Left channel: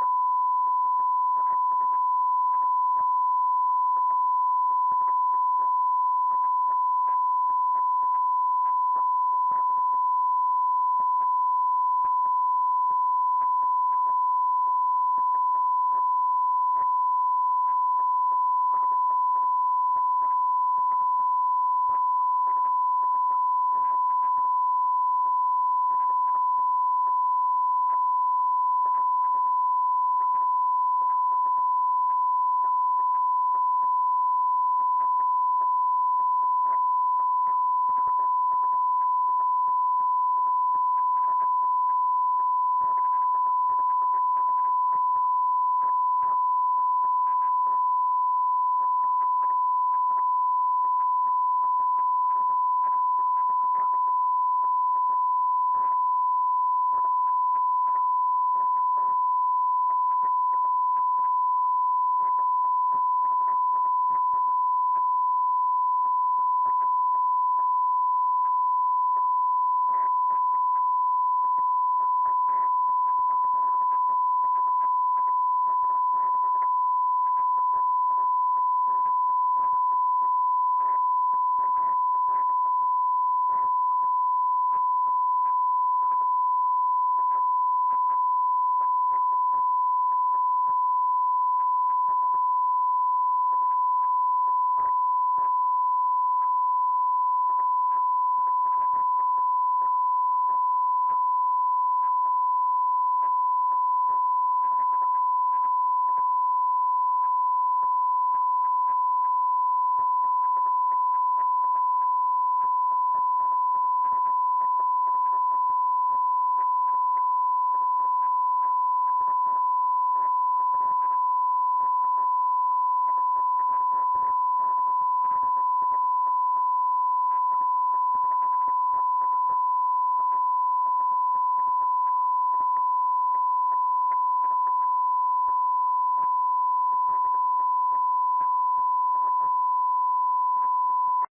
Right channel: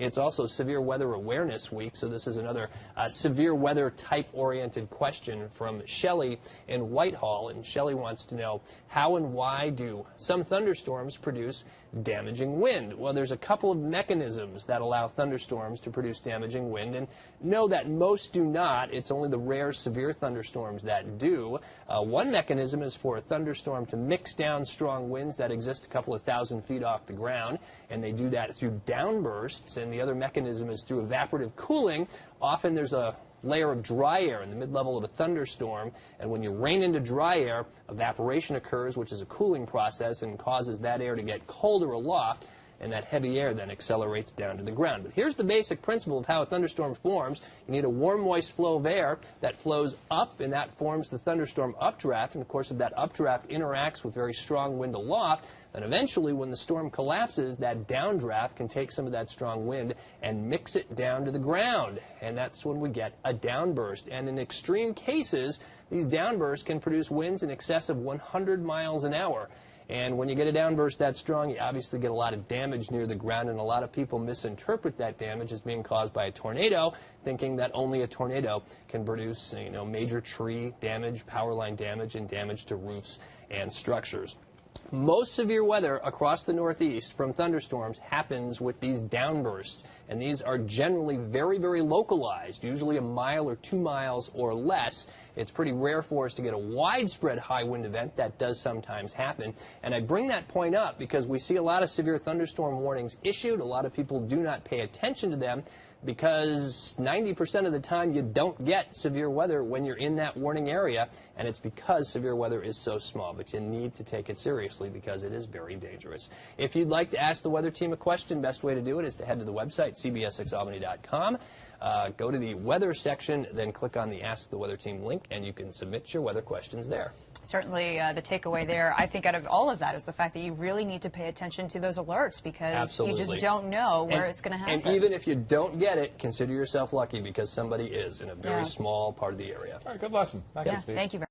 It's also Severe Weather Awareness Week, so this is another severe weather type-oriented question from Shelley in Whitehall. And Shelley wants to know, how and why do some thunderstorms produce damaging wind? Well, there's a couple of mechanisms that allow thunderstorms to produce damaging wind, and know that most do not. It's only the rare severe thunderstorms that do. One mechanism is for a thunderstorm to mix down strong winds that exist a couple of thousand feet off the ground, and they do that through downbursts. And the other mechanism is through evaporative cooling. Often there's a layer of dry air in the mid-level of a thunderstorm, and when you rain into dry air, evaporation occurs, which is a cooling process, and causes that air to get colder aloft, and that heavy air then accelerates down to the ground. But here's the basic principle of how a thunderstorm forms. You need a warm, moist flow of air that flows up, and that forms the thunderstorm updraft. And of course, if that updraft interacts with very strong wind aloft, then eventually when the storm collapses, that downdraft can take some of that strong wind and mix it down to the ground. And that's when we get a downburst. And in extreme cases, these downbursts can produce winds in excess of 100 miles an hour. And when you get a downburst that strong, you obviously get a lot of damage near the ground, and a lot of people misinterpret that damage as being caused by a tornado, thinking that only a tornado can produce, major tree damage, power line damage, and damage to roofs and structures. Most severe weather across the Northeast from thunderstorms happens with these downbursts, and these are generally very, very localized, usually a mile or 2 miles or less. It's pretty rare for us to get a widespread high wind event. That does sometimes happen. And I bring that point up because we see a lot of severe thunderstorm warnings issued. A lot of people do not pay attention to them because 90% of the time you don't get severe weather when you're in that warning area, and it's because severe weather is so small. But you need to take it seriously because it is very dangerous. If you'd like to ask the weather team a question, best way to do it is to head to the website, cbs6albany.com. Go to the weather section, then click on the Ask the Weather Team link, and you can submit your weather questions there. Certainly the takeaway there, I think, out of all of that is the fact that you really need to pay attention to those alerts because you just don't know where it's going to happen. And even if you don't get it, consider yourself lucky because somebody is in a very small part of the area. All right, good lesson. Thank you very much.